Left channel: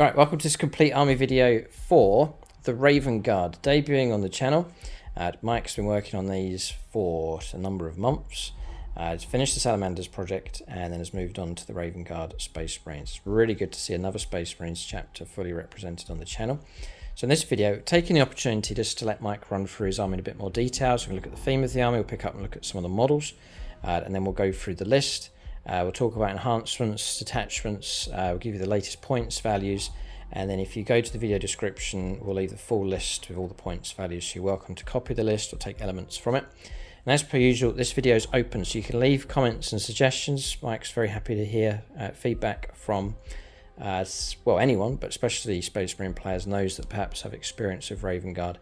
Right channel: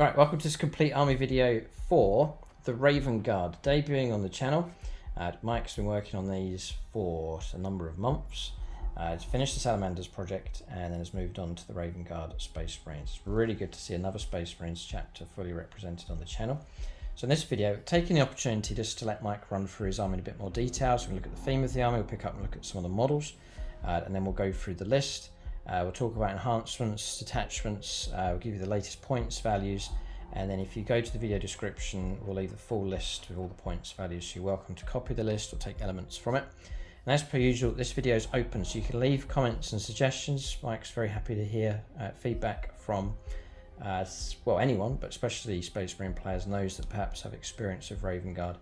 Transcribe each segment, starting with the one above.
Alright, welcome to this complete army video for the Raven Guard, debuting on the channel. Mike's been working on these for a number of months. He's finished the Salamanders project and then has moved on to the Raven Guard Space Marines. It's really good to see another Space Marines chapter fully represented on the channel. So in this video, taking the opportunity just to let Mike run through his army in a bit more detail. So we'll look at the theme of the army, we'll pick up and look at some of the models, and then we'll go through the list. We'll talk about enhancements, detachments, we'll give you the latest points values, and then if you go to the video description, we'll leave the full list with all the points values. So you're welcome to copy the list or take elements from it. And as per usual, this video is open, so you can leave comments and suggestions. Mike's very happy to hear feedback from well, anyone, but especially Space Marine players, knows that perhaps have experience of Raven Guard.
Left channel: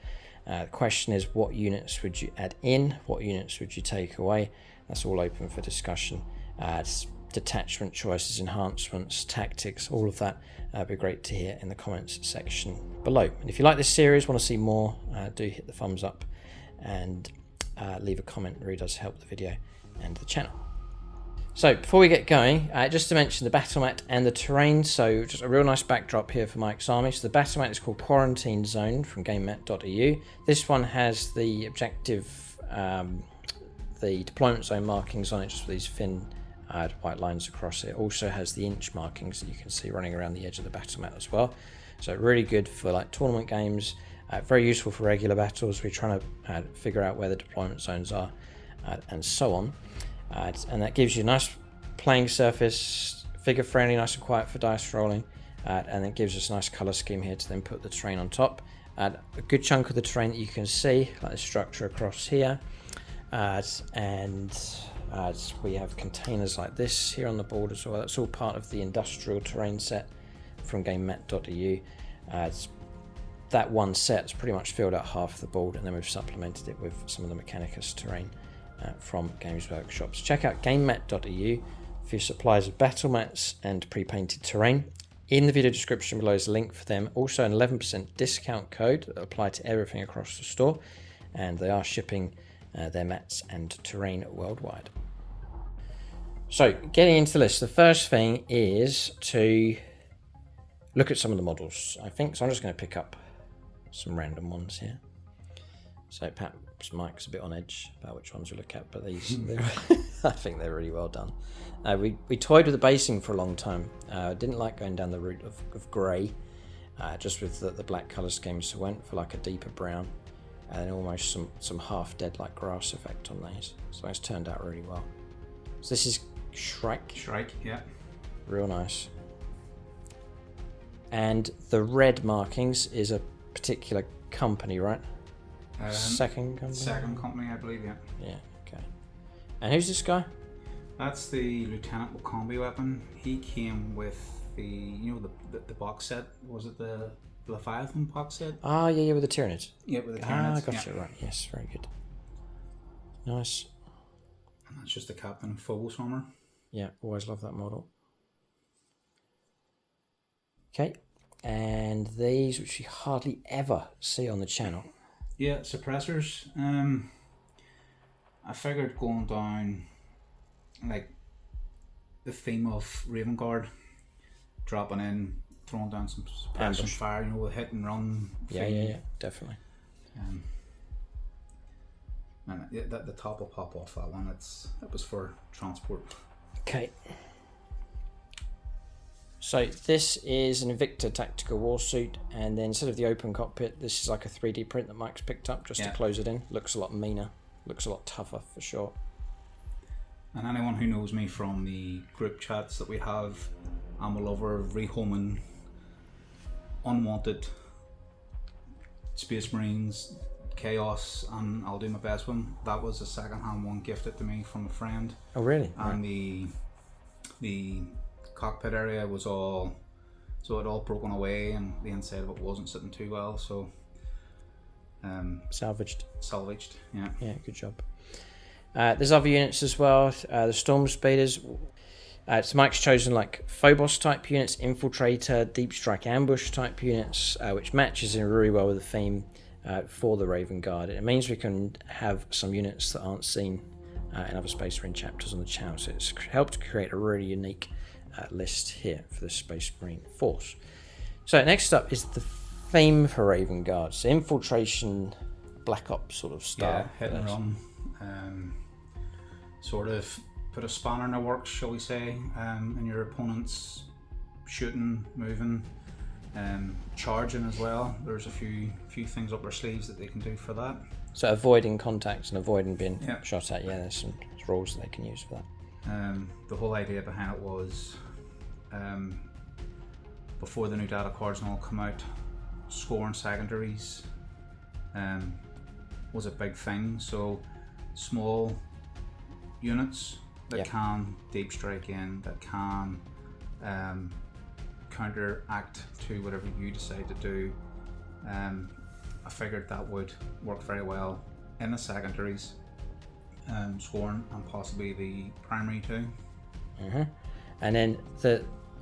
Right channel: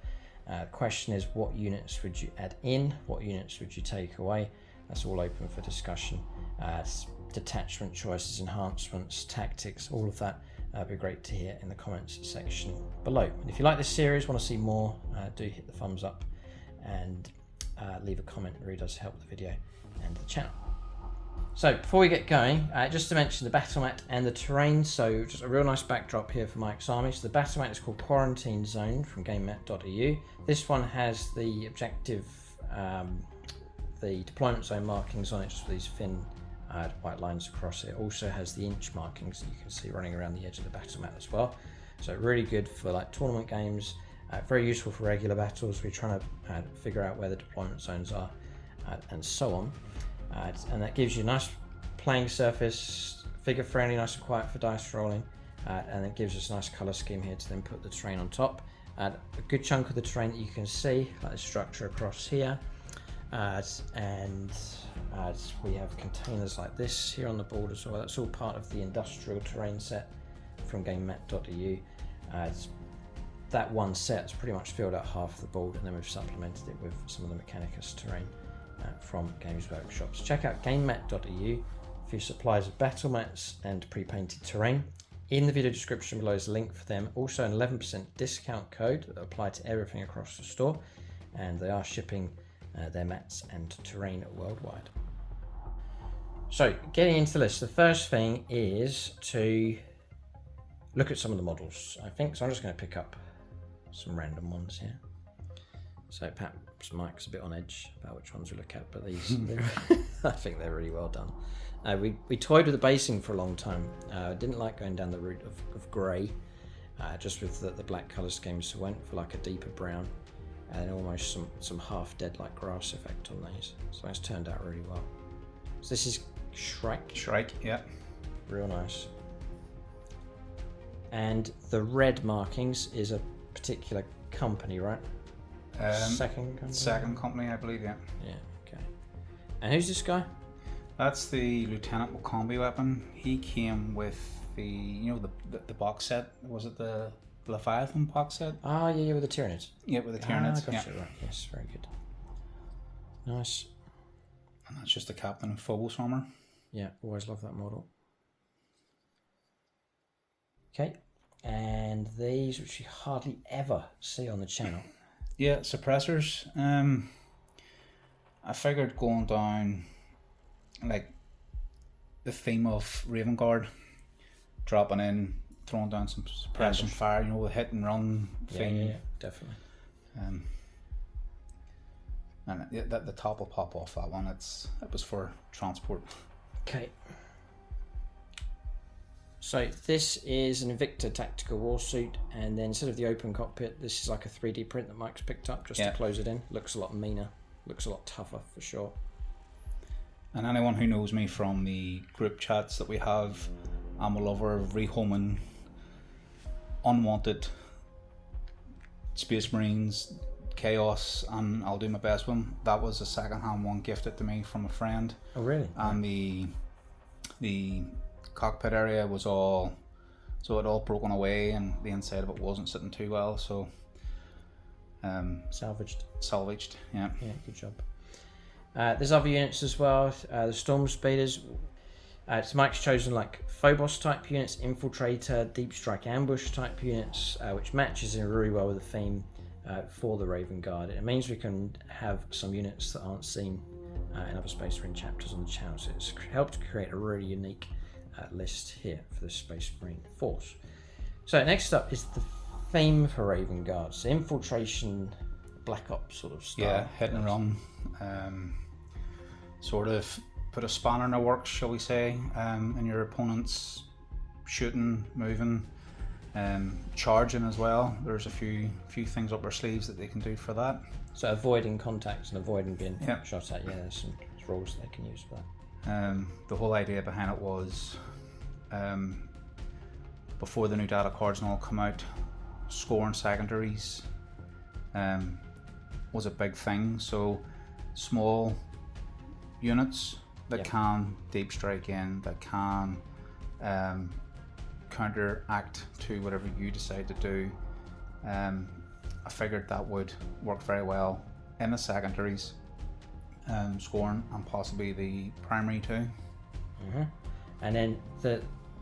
The question is, what units would you add in? What units would you take away? That's all open for discussion. Detachment choices, enhancements, tactics, all of that would be great to hear in the comments section below. And if you like this series, want to see more, do hit the thumbs up and leave a comment. It really does help the video and the channel. So before we get going, just to mention the battle mat and the terrain. So just a real nice backdrop here for Mike's army. So the battle mat is called Quarantine Zone from GameMat.eu. This one has the objective, the deployment zone markings on it, just with these thin white lines across it. Also has the inch markings that you can see running around the edge of the battle mat as well. So really good for like tournament games, very useful for regular battles. We're trying to figure out where the deployment zones are and so on. And that gives you a nice playing surface, figure friendly, nice and quiet for dice rolling, and it gives us a nice color scheme here to then put the terrain on top. A good chunk of the terrain that you can see, like the structure across here, and we have containers like this here on the board as well. That's all part of the industrial terrain set from GameMat.eu. That one set's pretty much filled out half the board, and then we've supplemented it with some of the Mechanicus terrain from Games Workshop. So check out GameMat.eu for your supplies of battle mats and pre-painted terrain. In the video description below is a link for them. Also an 11% discount code that apply to everything across the store, and they are shipping their mats and terrain worldwide. So getting into the list, the first thing is to look at some of the models, I think. So I'm just going to pick up some random ones here. So perhaps Mike's a bit on edge about which ones we look at, but these, I think they're really well done. We toyed with the basing for a long time. Didn't like going down the route of grey, just with the black colour scheme, so went for like a deeper brown, and then almost some half dead like grass effect on these. So that's turned out really well. So this is Shrike. Shrike, yeah. Real nice. And the red markings is a particular company, right? Second company, I believe, yeah. Yeah, okay. And who's this guy? That's the Lieutenant with combi weapon. He came with the box set. Was it the Leviathan box set? Oh, yeah, with the Tyranids. Yeah, with the Tyranids. Gotcha, yeah. Right. Yes, very good. Nice. And that's just the Captain of Phobos armor. Yeah, always love that model. Okay, and these, which you hardly ever see on the channel. Yeah, Supressors. I figured going down like the theme of Raven Guard, dropping in, throwing down some suppression fire, with hit and run. Yeah, definitely. And the top will pop off that one. It was for transport. Okay. So this is an Invictor tactical warsuit, and then instead of the open cockpit, this is like a 3D print that Mike's picked up just to close it in. Looks a lot meaner, looks a lot tougher for sure. And anyone who knows me from the group chats that we have, I'm a lover of rehoming unwanted Space Marines, Chaos, and I'll do my best with them. That was a second-hand one gifted to me from a friend. Oh really? And the cockpit area was all broken away, and the inside of it wasn't sitting too well, so salvaged, yeah, good job. There's other units as well. The Storm Speeders, so Mike's chosen like Phobos type units, Infiltrator, Deep Strike Ambush type units, which matches in really well with the theme for the Raven Guard. It means we can have some units that aren't seen in other Space Marine chapters on the channel, so it's helped create a really unique list here for the Space Marine force. So next up is the theme for Raven Guard. So infiltration, black ops sort of style. Yeah, hit and run. Sort of put a spanner in the works, shall we say, in your opponent's shooting, moving, charging as well. There's a few things up their sleeves that they can do for that. So avoiding contacts and avoiding being shot at. Yeah, there's some rules that they can use for that. The whole idea behind it was, before the new data cards and all come out, scoring secondaries was a big thing. So small units that can deep strike in, that can counteract to whatever you decide to do. I figured that would work very well in the secondaries, scoring, and possibly the primary too. And then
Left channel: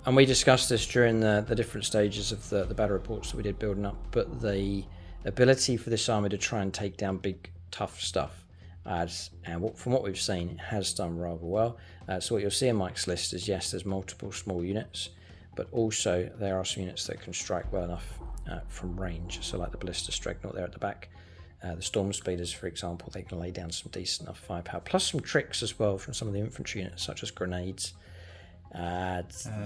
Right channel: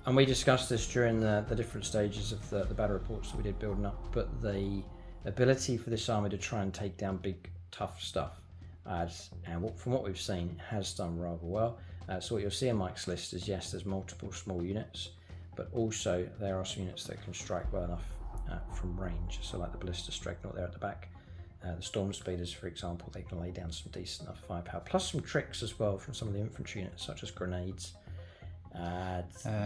and we discussed this during the different stages of the battle reports that we did building up, but the ability for this army to try and take down big tough stuff, and from what we've seen, it has done rather well. So what you'll see in Mike's list is, yes, there's multiple small units, but also there are some units that can strike well enough from range. So like the Balistus Dreadnought there at the back, the Storm Speeders, for example, they can lay down some decent enough firepower, plus some tricks as well from some of the infantry units, such as grenades.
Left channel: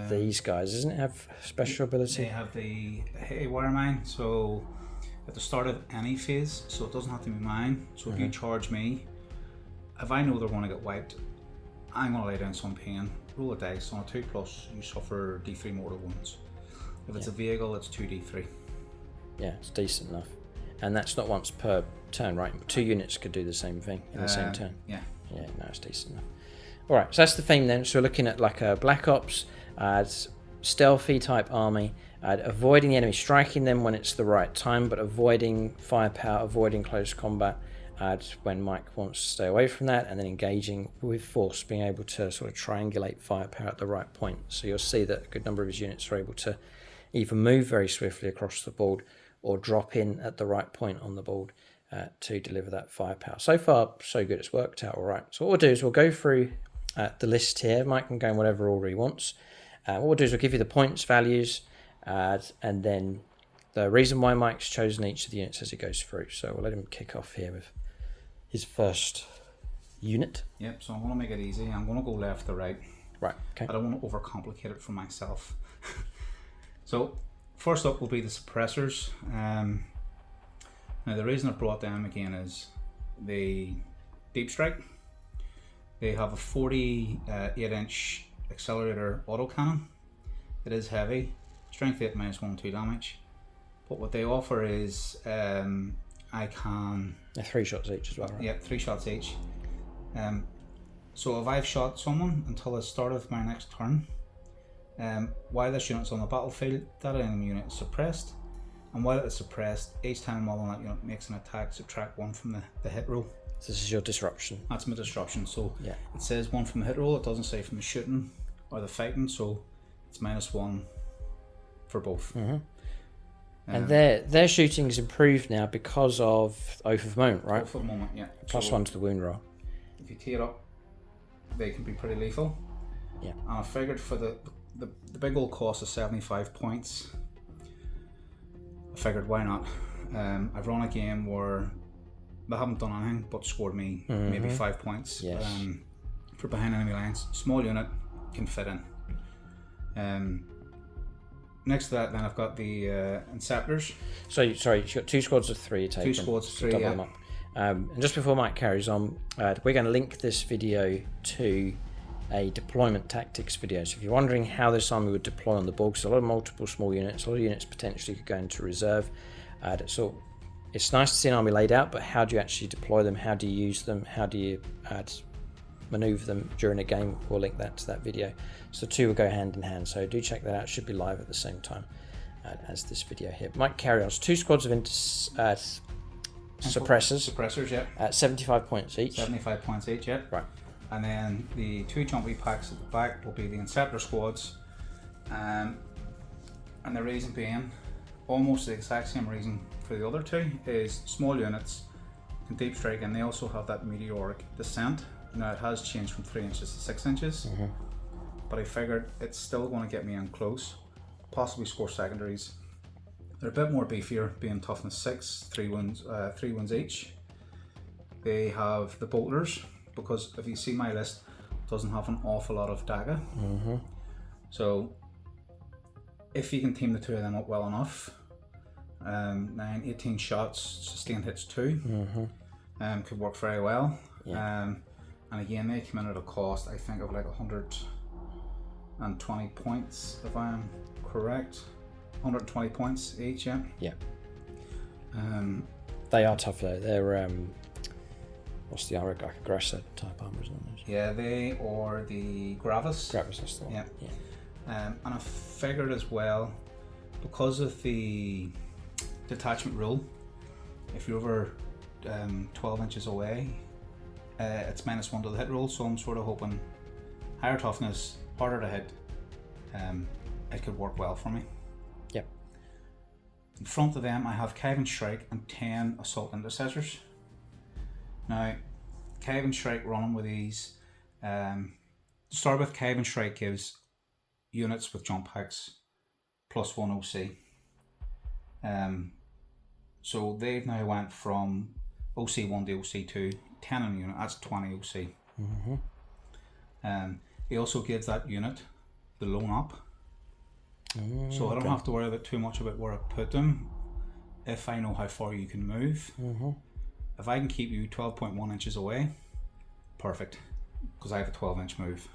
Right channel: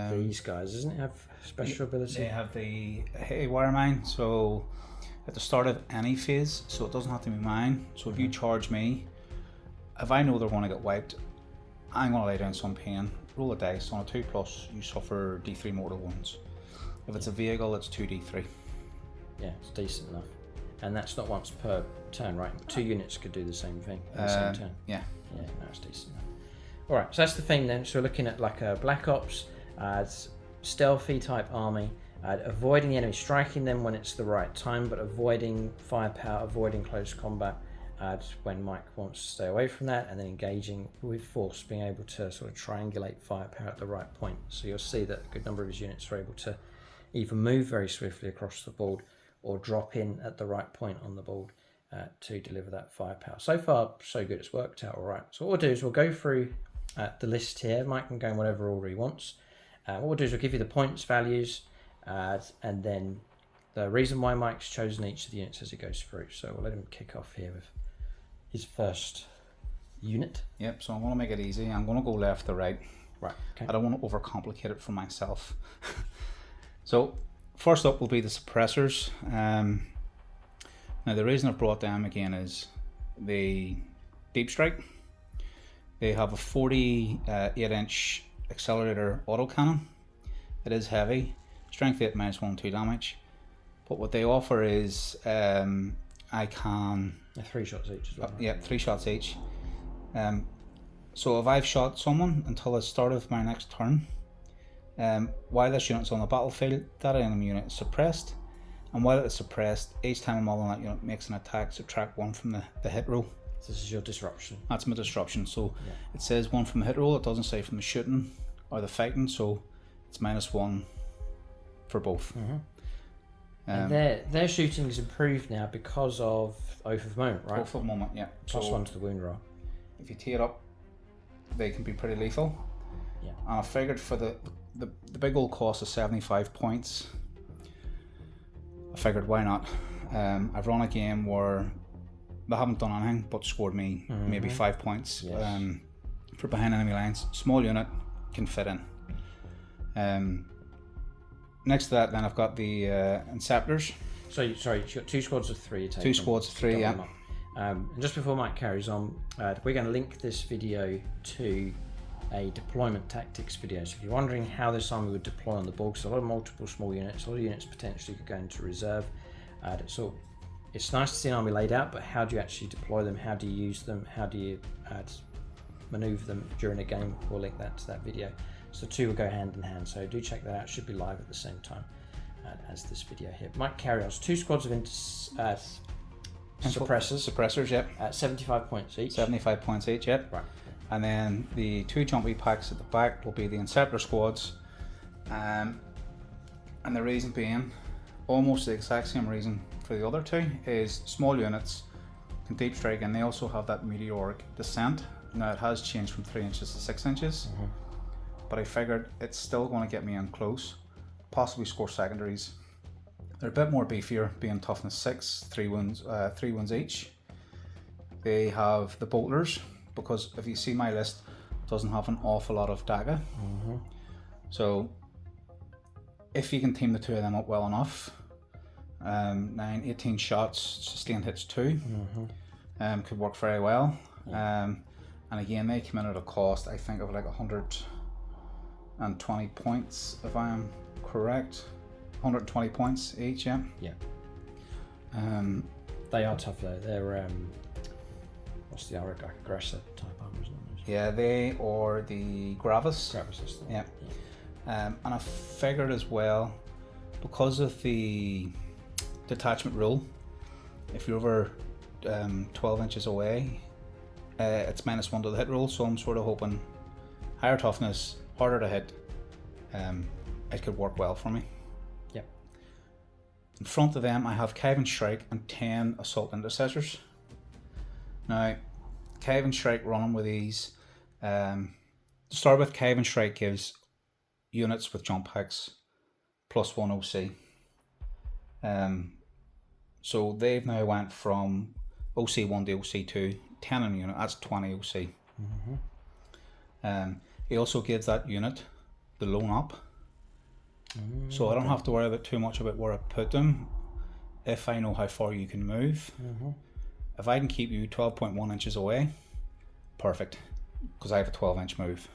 These guys, doesn't it have special ability? They have the Haywire Mine, so at the start of any phase, so it doesn't have to be mine. So if you charge me, if I know they're going to get wiped, I'm going to lay down some pain, roll a dice. On a 2+, you suffer D3 mortal wounds. If it's a vehicle, it's 2D3. Yeah, it's decent enough. And that's not once per turn, right? 2 units could do the same thing in the same turn. Yeah. Yeah, no, it's decent enough. Alright, so that's the theme then. So we're looking at like a Black Ops, stealthy type army, avoiding the enemy, striking them when it's the right time, but avoiding firepower, avoiding close combat when Mike wants to stay away from that, and then engaging with force, being able to sort of triangulate firepower at the right point. So you'll see that a good number of his units are able to either move very swiftly across the board or drop in at the right point on the board to deliver that firepower. So far, so good. It's worked out all right. So what we'll do is we'll go through the list here. Mike can go in whatever order he wants. What we'll do is we'll give you the points values and then the reason why Mike's chosen each of the units as he goes through. So we'll let him kick off here with his first unit. Yep, so I'm going to make it easy. I'm going to go left to right. Right, okay. I don't want to overcomplicate it for myself. So first up will be the Suppressors. Now the reason I've brought them again is the Deep Strike. They have a 48-inch accelerator autocannon. It is heavy, strength 8 -1/2 damage. But what they offer is I can... 3 shots each as well, right? Yeah, 3 shots each. So if I've shot someone until the start of my next turn, while this unit's on the battlefield, that enemy unit is suppressed. And while it's suppressed, each time a model on that unit makes an attack, subtract 1 from the hit roll. So this is your disruption. That's my disruption. So yeah. It says 1 from the hit roll, it doesn't say from the shooting or the fighting, so it's -1 for both. And their shooting's improved now because of Oath of Moment, right? Oath of Moment, yeah. +1 to the wound roll. If you tee it up, they can be pretty lethal. Yeah. And I figured for the big old cost of 75 points, I figured why not. I've run a game where they haven't done anything but scored me maybe 5 points. Yes. For behind enemy lines. Small unit, can fit in. Next to that, then I've got the Inceptors. So sorry, you've got 2 squads of 3. 2 squads of 3, yeah. And just before Mike carries on, we're going to link this video to a deployment tactics video. So if you're wondering how this army would deploy on the board, because a lot of multiple small units, a lot of units potentially could go into reserve. So it's nice to see an army laid out, but how do you actually deploy them? How do you use them? How do you maneuver them during a game? We'll link that to that video. So the 2 will go hand in hand. So do check that out. It should be live at the same time as this video here. Mike carry on. 2 squads of Suppressors, yeah. At 75 points each. 75 points each, yeah. Right. And then the 2 jumpy packs at the back will be the Inceptor squads. And the reason being, almost the exact same reason for the other 2, is small units can deep strike, and they also have that meteoric descent. Now it has changed from 3 inches to 6 inches, but I figured it's still going to get me in close, possibly score secondaries, They're a bit more beefier, being toughness 6, 3 wounds each. They have the bolters, because if you see my list, it doesn't have an awful lot of dagger. So if you can team the two of them up well enough, 18 shots, sustained hits 2, could work very well. And again, they come in at a cost, I think, of like 120 points, if I am correct. 120 points each, yeah. They are tough though. They're what's the aggressor type armor, isn't it? Yeah, they or the Gravis. Gravis is the one. Yeah. And I figured as well, because of the detachment rule, if you're over 12 inches away, it's -1 to the hit roll. So I'm sort of hoping higher toughness, harder to hit. It could work well for me. Yep. In front of them, I have Kevin Shrike and 10 Assault Intercessors. Now, Kevin Shrike running with these. To start with, Kevin Shrike gives units with jump hacks +1 OC. So they've now went from OC1 to OC2, 10 in a unit, that's 20 OC. He also gives that unit the loan up. So I don't have to worry about too much about where I put them if I know how far you can move. If I can keep you 12.1 inches away, perfect, because I have a 12-inch move.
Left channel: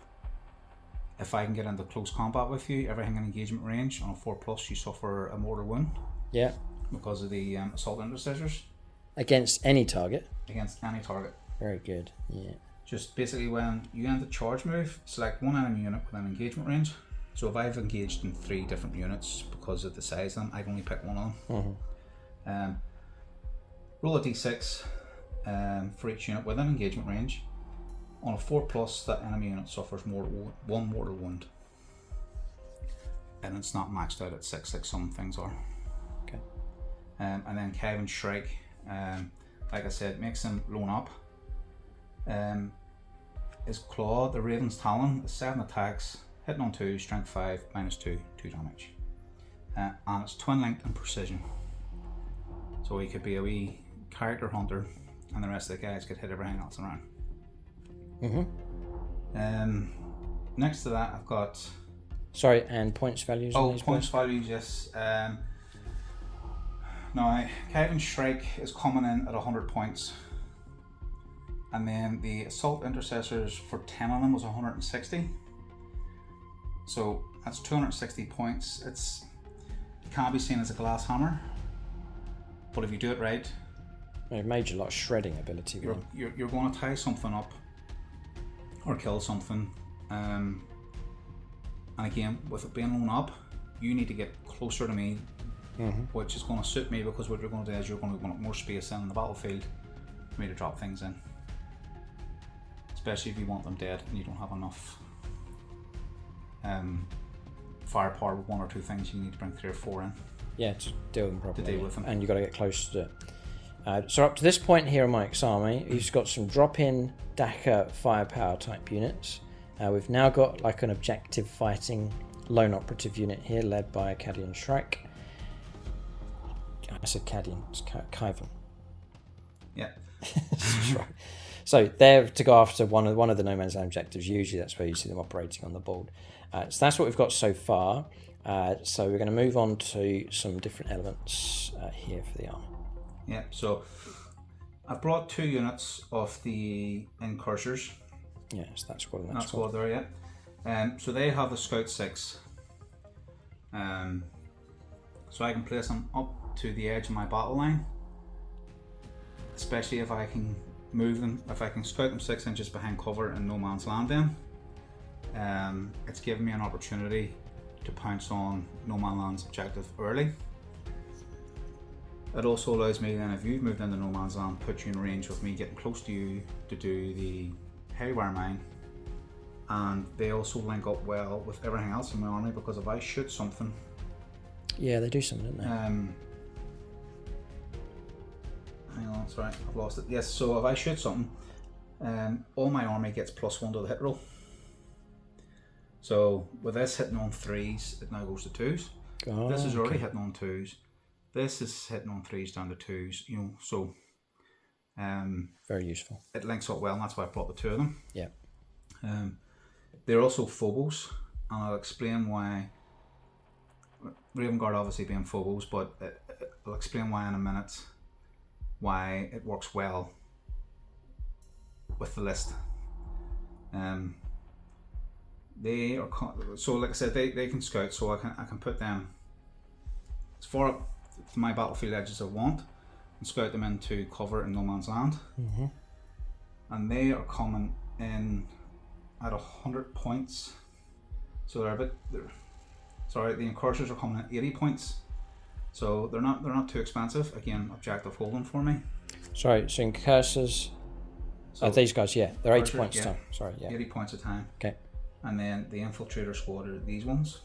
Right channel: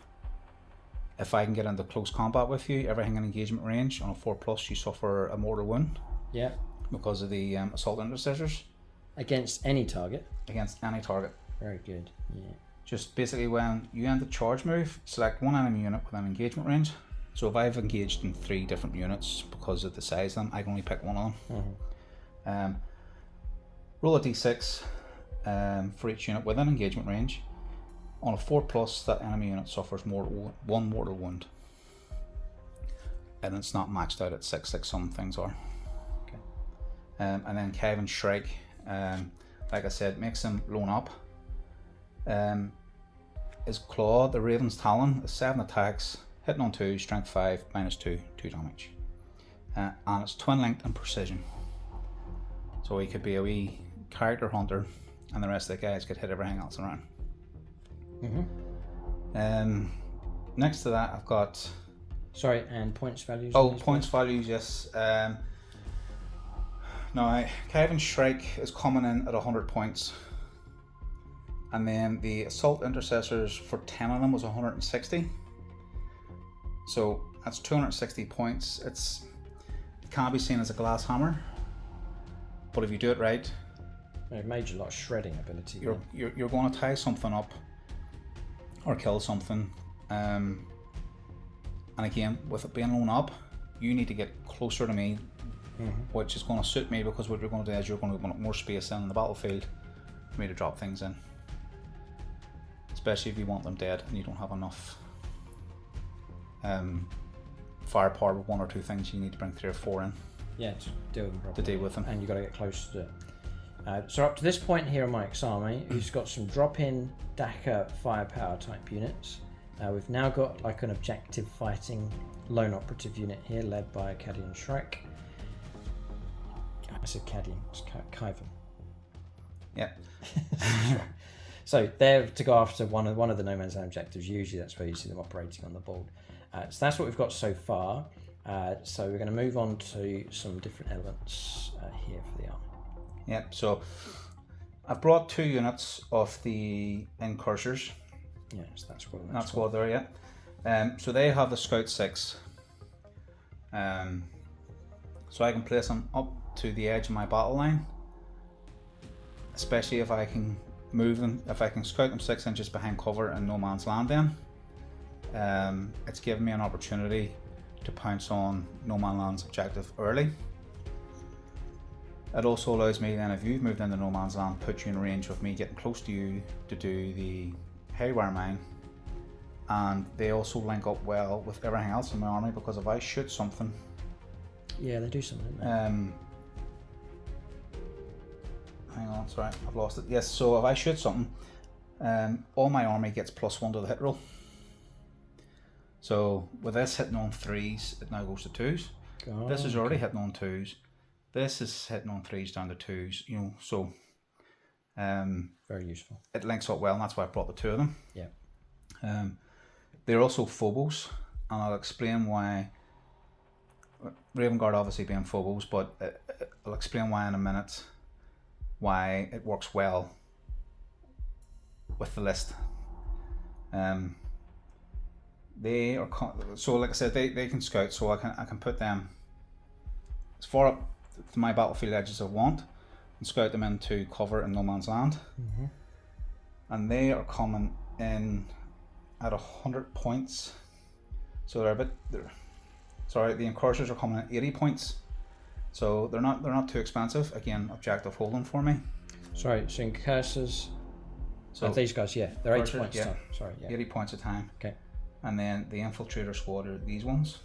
If I can get into close combat with you, everything in engagement range, on a 4+, you suffer a mortal wound. Yeah. Because of the Assault Intercessors. Against any target? Against any target. Very good, yeah. Just basically when you end the charge move, select one enemy unit within engagement range. So if I've engaged in 3 different units because of the size of them, I can only pick one of them. Roll a d6 for each unit within engagement range. On a 4+, that enemy unit suffers one mortal wound. And it's not maxed out at 6 like some things are. Okay. And then Kevin Shrike, like I said, makes them loan up. His Claw, the Raven's Talon, is 7 attacks, hitting on 2, strength 5, -2, 2 damage. And it's twin linked and precision. So he could be a wee character hunter, and the rest of the guys could hit everything else around. Next to that, I've got. Sorry, and points values. Points values, yes. Now, Kevin Shrike is coming in at 100 points. And then the Assault Intercessors for 10 of them was 160. So that's 260 points. It can't be seen as a glass hammer, but if you do it right, major like shredding ability. You're going to tie something up or kill something. And again, with it being lown up, you need to get closer to me, which is going to suit me, because what you're going to do is you're going to want more space in the battlefield for me to drop things in. Especially if you want them dead and you don't have enough firepower with 1 or 2 things, you need to bring 3 or 4 in. Yeah, to deal with them properly. To deal with them. And you've got to get close to it. So up to this point here in Mike's army, he's got some drop-in Daka firepower type units. We've now got like an objective fighting lone operative unit here, led by Cadian Shrike. I said Cadian, it's Kyvan. Yeah. So they're to go after one of the No Man's Land objectives. Usually that's where you see them operating on the board. So that's what we've got so far. So we're going to move on to some different elements here for the army. Yeah, so I've brought 2 units of the Incursers. Yes, that's what that's what they're, yeah. So they have the Scout 6. So I can place them up to the edge of my battle line, especially if I can move them, if I can scout them 6 inches behind cover in no man's land. Then it's given me an opportunity to pounce on no man's land's objective early. It also allows me then, if you've moved into no man's land, put you in range with me getting close to you to do the haywire mine. And they also link up well with everything else in my army, because if I shoot something, yeah, they do something, don't they? Hang on, sorry, I've lost it. Yes, so if I shoot something, all my army gets +1 to the hit roll. So with this hitting on 3s, it now goes to 2s. This is already hitting on 2s. This is hitting on 3s down to 2s, you know, so very useful. it links up well, and that's why I brought the two of them. Yeah. They're also Phobos, and I'll explain why. Raven Guard obviously being Phobos, but I'll explain why in a minute, why it works well with the list. They are so, like I said, they can scout, so I can put them as far up to my battlefield edge as I want and scout them into cover in no man's land. And they are coming in at 100 points, so the Incursers are coming at 80 points, so they're not too expensive. Again, objective holding for me. Sorry, so Incursers. So these guys, yeah, they're 80 points. Yeah. Sorry, yeah. 80 points a time. Okay. And then the Infiltrator squad are these ones.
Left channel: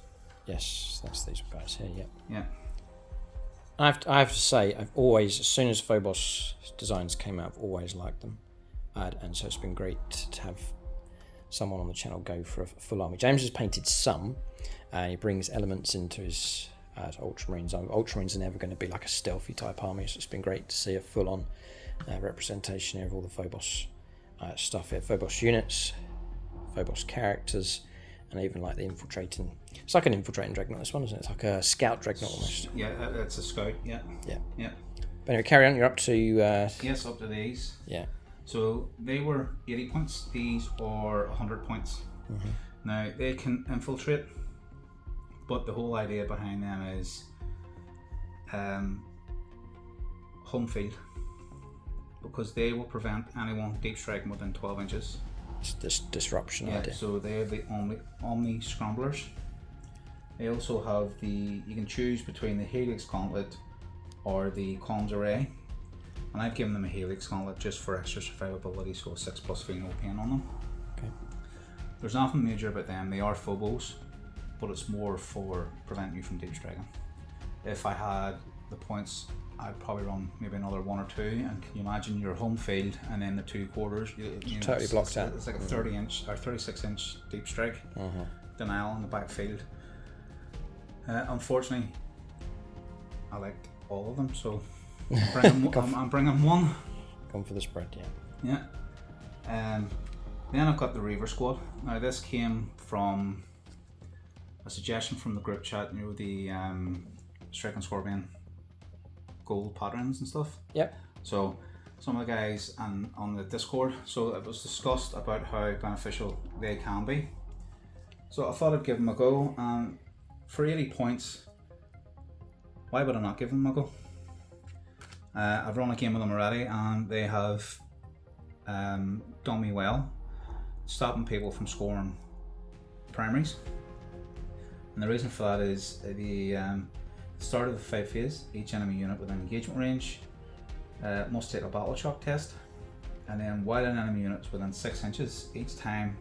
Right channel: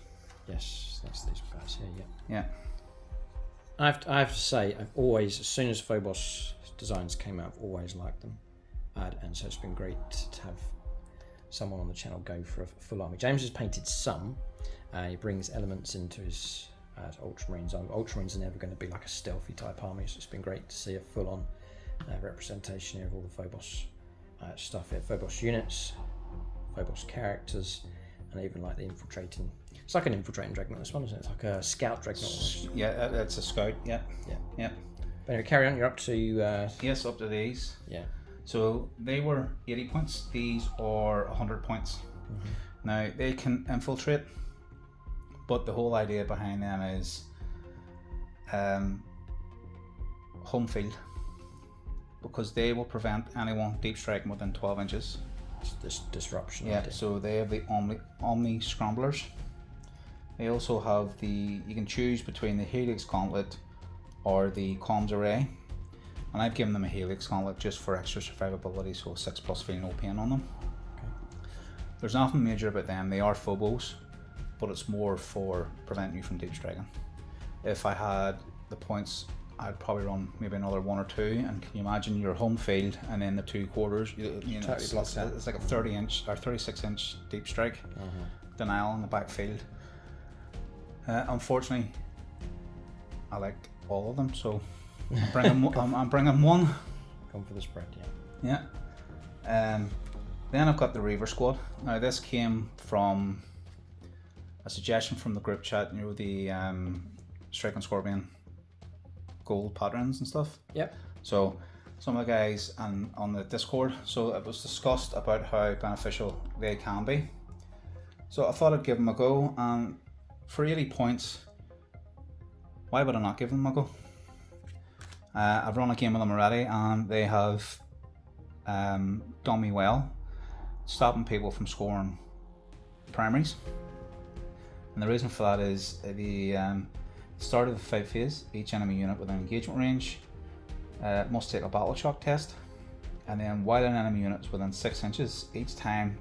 Yes, that's these guys here. Yeah. Yeah. I have to say, I've always, as soon as Phobos designs came out, I've always liked them, and so it's been great to have someone on the channel go for a full army. James has painted some, and he brings elements into his Ultramarines. Ultramarines are never going to be like a stealthy type army, so it's been great to see a full-on representation here of all the Phobos stuff here. Phobos units, Phobos characters, and even like the infiltrating. It's like an infiltrating dreadnought, this one, isn't it? It's like a scout dreadnought almost. Yeah, it's a scout, yeah. But anyway, carry on, you're up to... yes, up to these. Yeah. So they were 80 points, these are 100 points. Now, they can infiltrate, but the whole idea behind them is home field, because they will prevent anyone deep striking within 12 inches. It's this disruption Yeah, idea. so they have the Omni Scramblers. They also have you can choose between the Helix Gauntlet or the Comms Array. And I've given them a Helix Gauntlet just for extra survivability, so 6+ free, no pain on them. Okay. There's nothing major about them. They are Phobos, but it's more for preventing you from deep striking. If I had the points, I'd probably run maybe another 1 or 2, and can you imagine your home field and then the 2 quarters? You know, totally blocked out. It's like a 30-inch or 36-inch deep strike denial in the backfield. Unfortunately, I liked all of them, so I'm bringing one. Going for the spread, yeah. Yeah. Then I've got the Rievers squad. Now this came from a suggestion from the group chat. You know, the Shrike and Scorpion gold patterns and stuff. Yep. So some of the guys on the Discord, so it was discussed about how beneficial they can be. So I thought I'd give them a go, and for 80 points, why would I not give them a go? I've run a game with them already, and they have done me well, stopping people from scoring primaries. And the reason for that is the start of the fight phase, each enemy unit within engagement range must take a battle shock test, and then while an enemy unit is within 6 inches, each time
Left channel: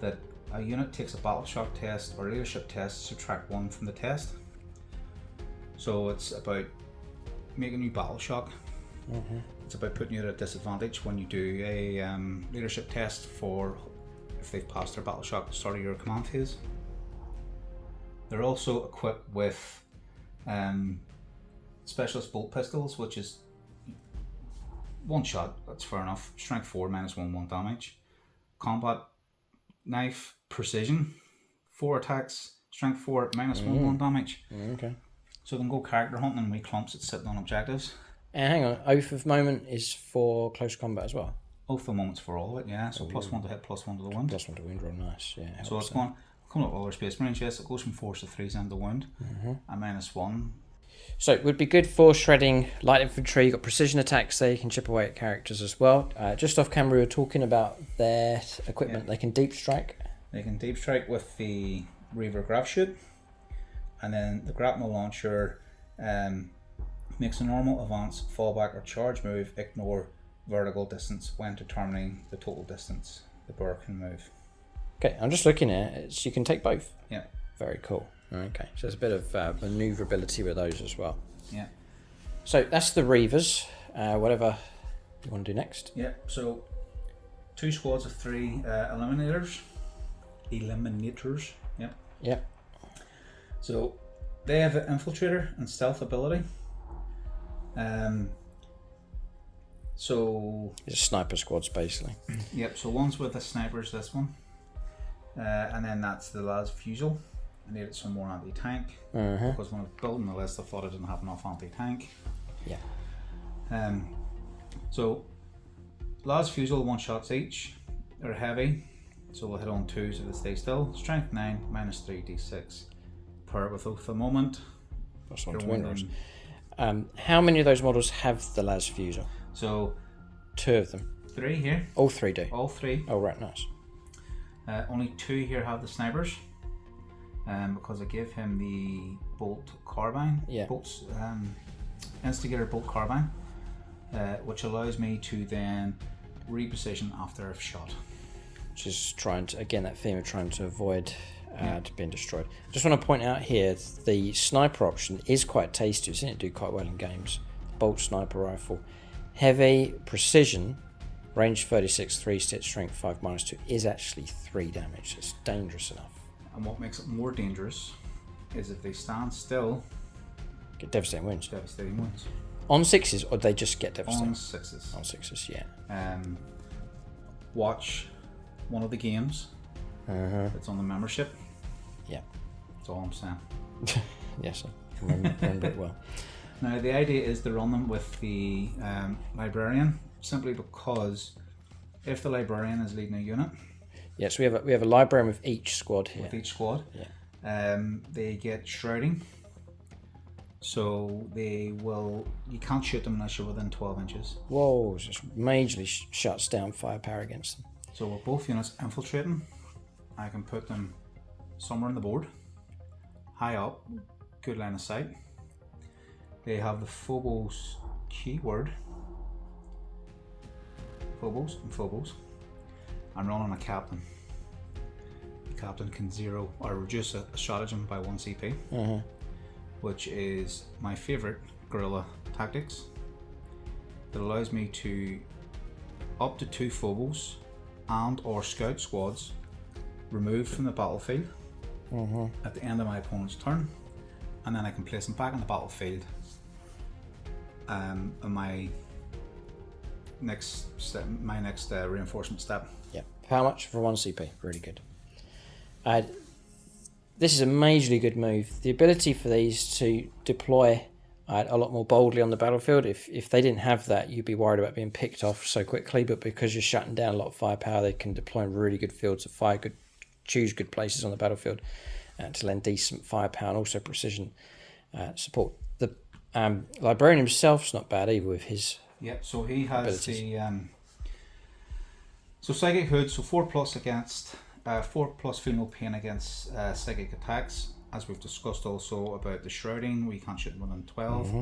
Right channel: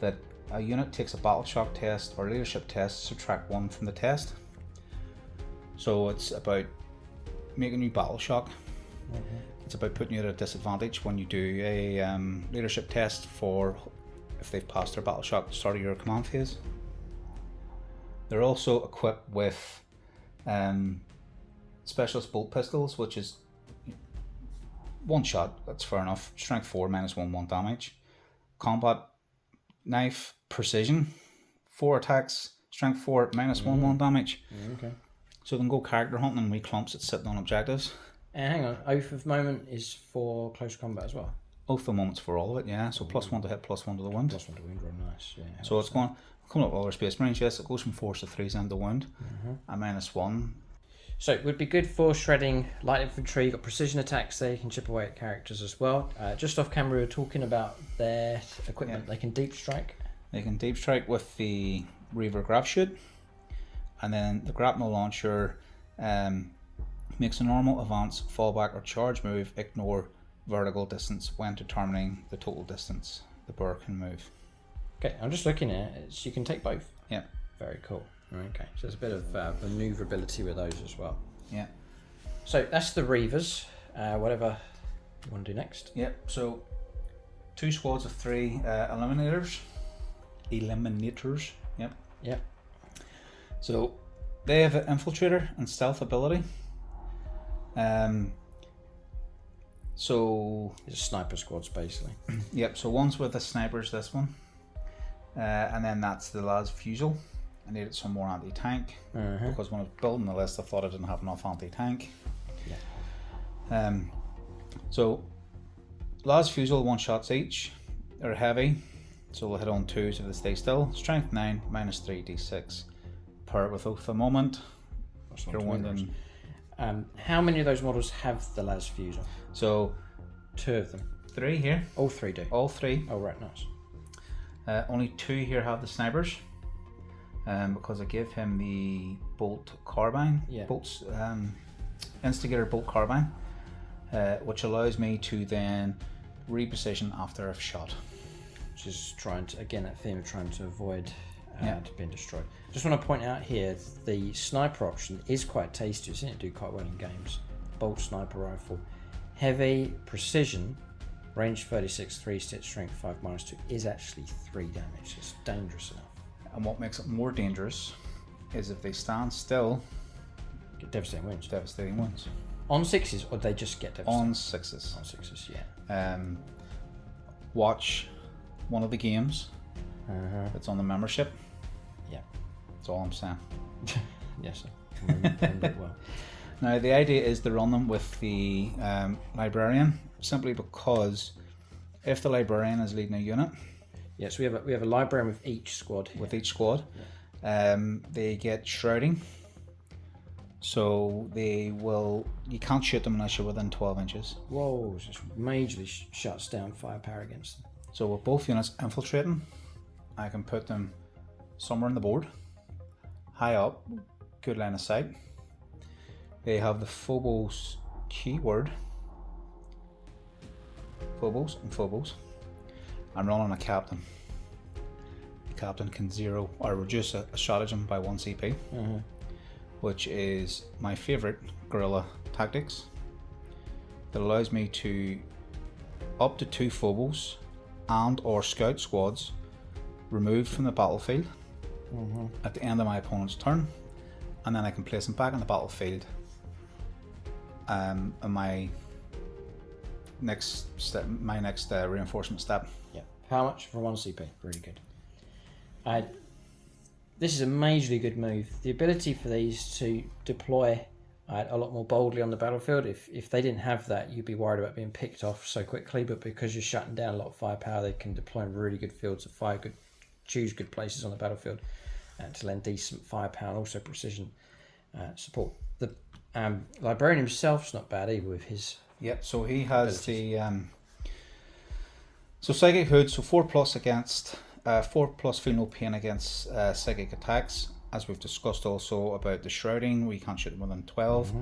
that a unit takes a battle shock test or leadership test, subtract 1 from the test. So it's about making you battle shock. It's about putting you at a disadvantage when you do a leadership test for if they've passed their battle shock at the start of your command phase. They're also equipped with specialist bolt pistols, which is 1 shot, that's fair enough. Strength 4 -1 damage. Combat knife precision, 4 attacks, strength 4 -1 damage. Okay. So they can go character hunting and wee clumps that's sitting on objectives. And hang on, Oath of Moment is for close combat as well. Oath of Moments for all of it, yeah. So +1 to hit, +1 to the wound. +1 to wound, real nice. Yeah. So it's coming up with all our Space Marines. Yes, it goes from 4s to 3s and the wound, and -1. So it would be good for shredding light infantry. You've got precision attacks there, you can chip away at characters as well. Just off camera we were talking about their equipment. They can deep strike. They can deep strike with the Reaver Grab Shoot, and then the grapnel launcher makes a normal advance, fallback or charge move, ignore vertical distance when determining the total distance the bird can move. Okay, I'm just looking at it, so you can take both. Yeah. Very cool. Okay, so there's a bit of maneuverability with those as well. Yeah. So that's the Rievers. Whatever you want to do next. Yeah, so 2 squads of 3 Eliminators. Yeah. Yeah. So they have an Infiltrator and Stealth ability. So It's sniper squads basically. yep, so one's with the snipers, this one. And then that's the las fusel. I needed some more anti-tank because when I was building the list I thought I didn't have enough anti-tank. Yeah. So las fusel 1 shots each. They're heavy, so they'll hit on 2s if they stay still. Strength 9, minus 3 d6 per with oath a moment. That's You're one wounding. How many of those models have the las fusel? So 2 of them. 3 here, All 3 do. all 3. Oh right, nice. Only 2 here have the snipers, because I give him the bolt carbine. Yeah. Bolts, instigator bolt carbine, which allows me to then reposition after I've shot. Which is trying to, again, that theme of trying to avoid Yeah. being destroyed. Just want to point out here, the sniper option is quite tasty. I've seen it do quite well in games. Bolt sniper rifle. Heavy, precision, range 36, 3 stitch, strength 5, minus 2 is actually 3 damage. It's dangerous enough. And what makes it more dangerous is if they stand still, Get devastating wounds. devastating wounds. On 6s, or they just get devastating? On 6s. On 6s, yeah. Watch one of the games. It's on the membership. Yeah. That's all I'm saying. Yes, I remember it well. Now the idea is to run them with the librarian, simply because if the librarian is leading a unit Yeah, so we have a librarian with each squad here. with each squad, Yeah. they get shrouding. So you can't shoot them unless you're within 12 inches. Whoa, it just majorly shuts down firepower against them. So with both units infiltrating, I can put them somewhere on the board, high up, good line of sight. They have the Phobos keyword, Phobos and Phobos. I'm running a captain. The captain can zero or reduce a stratagem by 1 CP, which is my favorite guerrilla tactics. That allows me to up to 2 Phobos and or scout squads removed from the battlefield at the end of my opponent's turn, and then I can place them back on the battlefield in my next step, reinforcement step. Yeah. How much for 1 CP? Really good. This is a majorly good move. The ability for these to deploy a lot more boldly on the battlefield. If they didn't have that, you'd be worried about being picked off so quickly. But because you're shutting down a lot of firepower, they can deploy in really good fields of fire, choose good places on the battlefield to lend decent firepower and also precision support. The librarian himself's not bad either with his. Yep. So he has abilities. so psychic hood. So 4+ against 4+ feel no pain against psychic attacks. As we've discussed also about the shrouding, we can't shoot them within 12.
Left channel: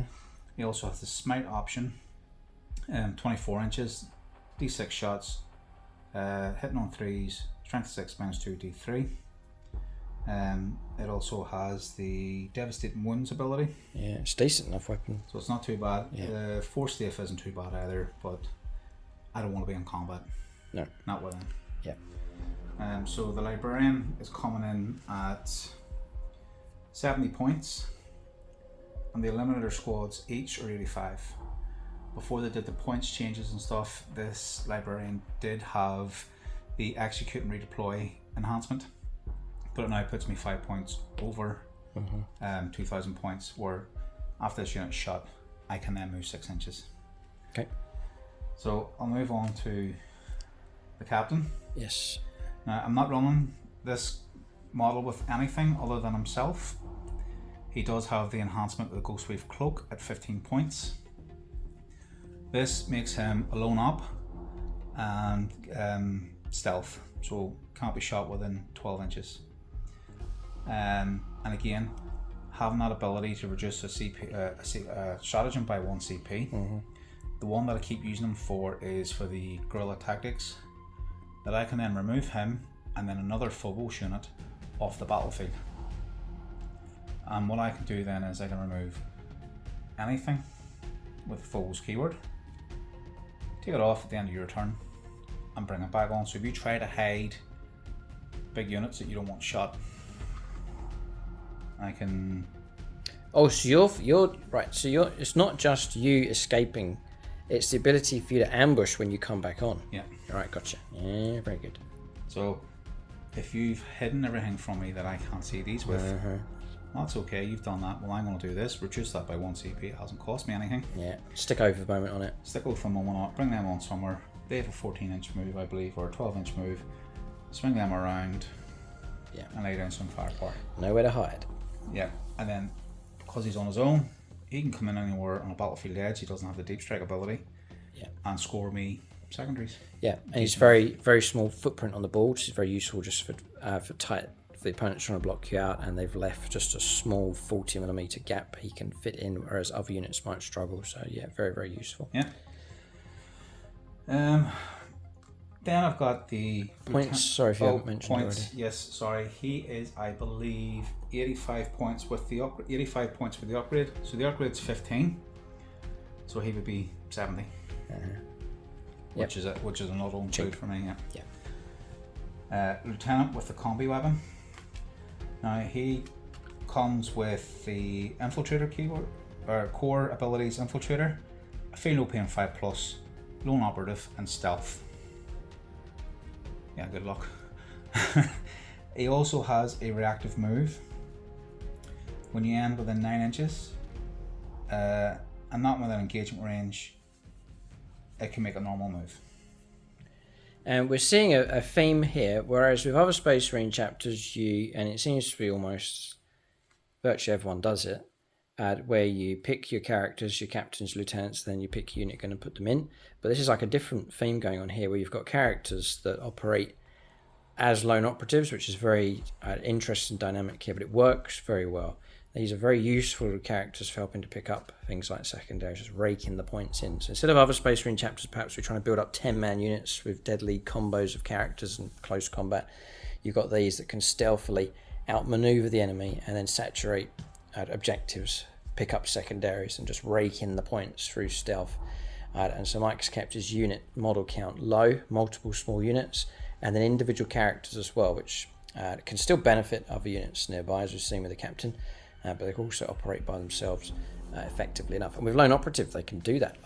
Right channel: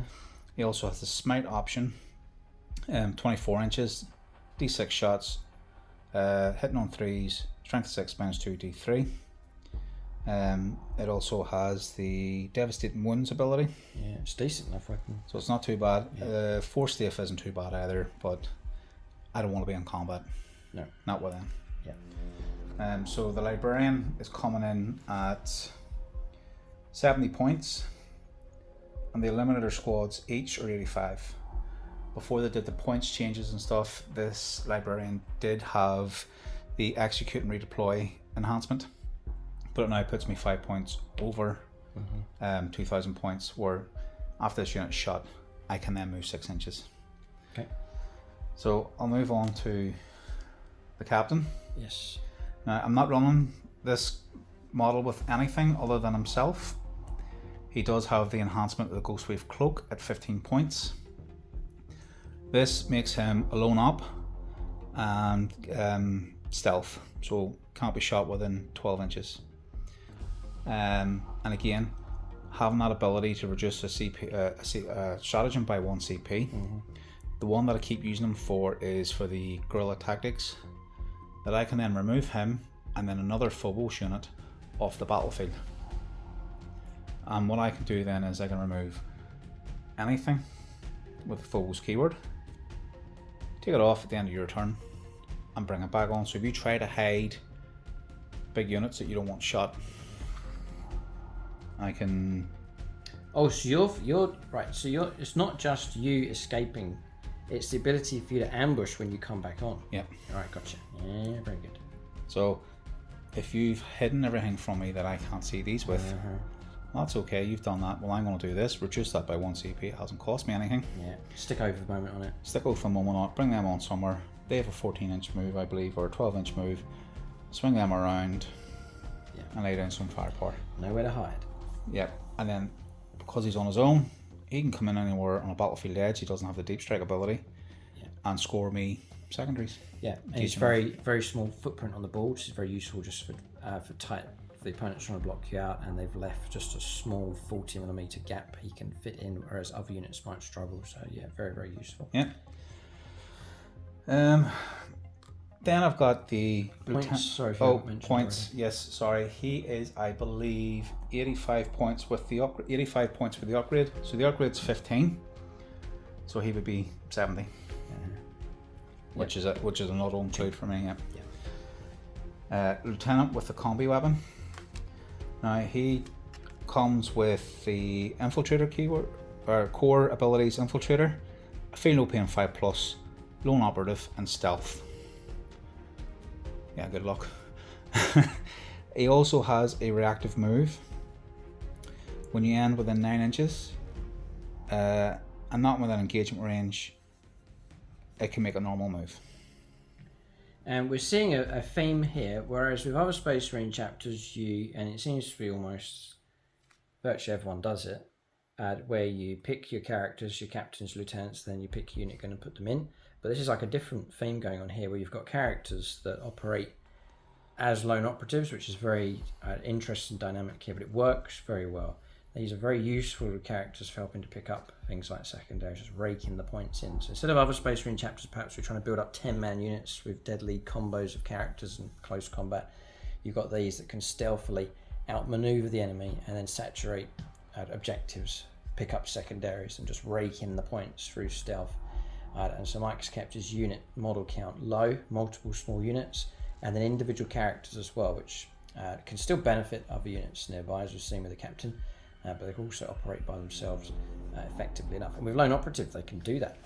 He also has the smite option, 24 inches, d6 shots, hitting on 3s, strength 6 minus 2 d3. It also has the devastating wounds ability. Yeah, it's decent enough weapon. So it's not too bad. Yeah. Force Staff isn't too bad either, but I don't want to be in combat. No. Not with him. Yeah. So the librarian is coming in at 70 points, and the Eliminator squads each are 85. Before they did the points changes and stuff, this librarian did have the execute and redeploy enhancement, but it now puts me 5 points over 2,000 points, where after this unit's shot, I can then move 6 inches. Okay. So I'll move on to the captain. Yes. Now, I'm not running this model with anything other than himself. He does have the enhancement of the Ghostwave Cloak at 15 points. This makes him alone up and stealth, so can't be shot within 12 inches. And again, having that ability to reduce a stratagem by 1 CP. The one that I keep using him for is for the guerrilla tactics, that I can then remove him and then another Phobos unit off the battlefield. And what I can do then is I can remove anything with the Phobos keyword, take it off at the end of your turn, and bring it back on. So if you try to hide big units that you don't want shot, I can... Oh, so you're right. So it's not just you escaping; it's the ability for you to ambush when you come back on. Yeah. All right, gotcha. Yeah, very good. So if you've hidden everything from me that I can't see these with, that's okay. You've done that. Well, I'm going to do this. Reduce that by 1 CP. It hasn't cost me anything. Yeah. Stick over the moment on it. Stick over for a moment on it. Bring them on somewhere. They have a 14-inch move, I believe, or a 12-inch move. Swing them around. Yeah. And lay down some firepower. Nowhere to hide. Yeah. And then, because he's on his own, he can come in anywhere on a battlefield edge. He doesn't have the deep strike ability. Yeah. And score me secondaries. Yeah. And he's very small footprint on the board, which is very useful just for tight. If the opponent's trying to block you out and they've left just a small 40mm gap he can fit in, whereas other units might struggle. So yeah, very useful. Yeah. Then I've got the points. Sorry if you haven't mentioned points. Already. Yes, sorry. He is, I believe, 85 points with the 85 points for the upgrade. So the upgrade's 15. So he would be 70. Which is an auto include for me. Yeah. Lieutenant with the combi weapon. Now he comes with the Infiltrator keyword or core abilities. Infiltrator, Feel No Pain 5+, Lone Operative, and Stealth. Yeah, good luck. He also has a reactive move when you end within 9 inches, and not within engagement range. It can make a normal move. And we're seeing a theme here, whereas with other Space Marine chapters, and it seems to be almost virtually everyone does it, where you pick your characters, your captains, lieutenants, then you pick a unit going to put them in. But this is like a different theme going on here, where you've got characters that operate as lone operatives, which is very interesting dynamic here, but it works very well. These are very useful characters for helping to pick up things like secondaries, just raking the points in. So instead of other Space Marine chapters, perhaps we're trying to build up 10-man units with deadly combos of characters and close combat. You've got these that can stealthily outmaneuver the enemy and then saturate objectives, pick up secondaries, and just rake in the points through stealth. And so Mike's kept his unit model count low, multiple small units, and then individual characters as well, which can still benefit other units nearby, as we've seen with the captain. But they can also operate by themselves effectively enough. And with lone operative, they can do that,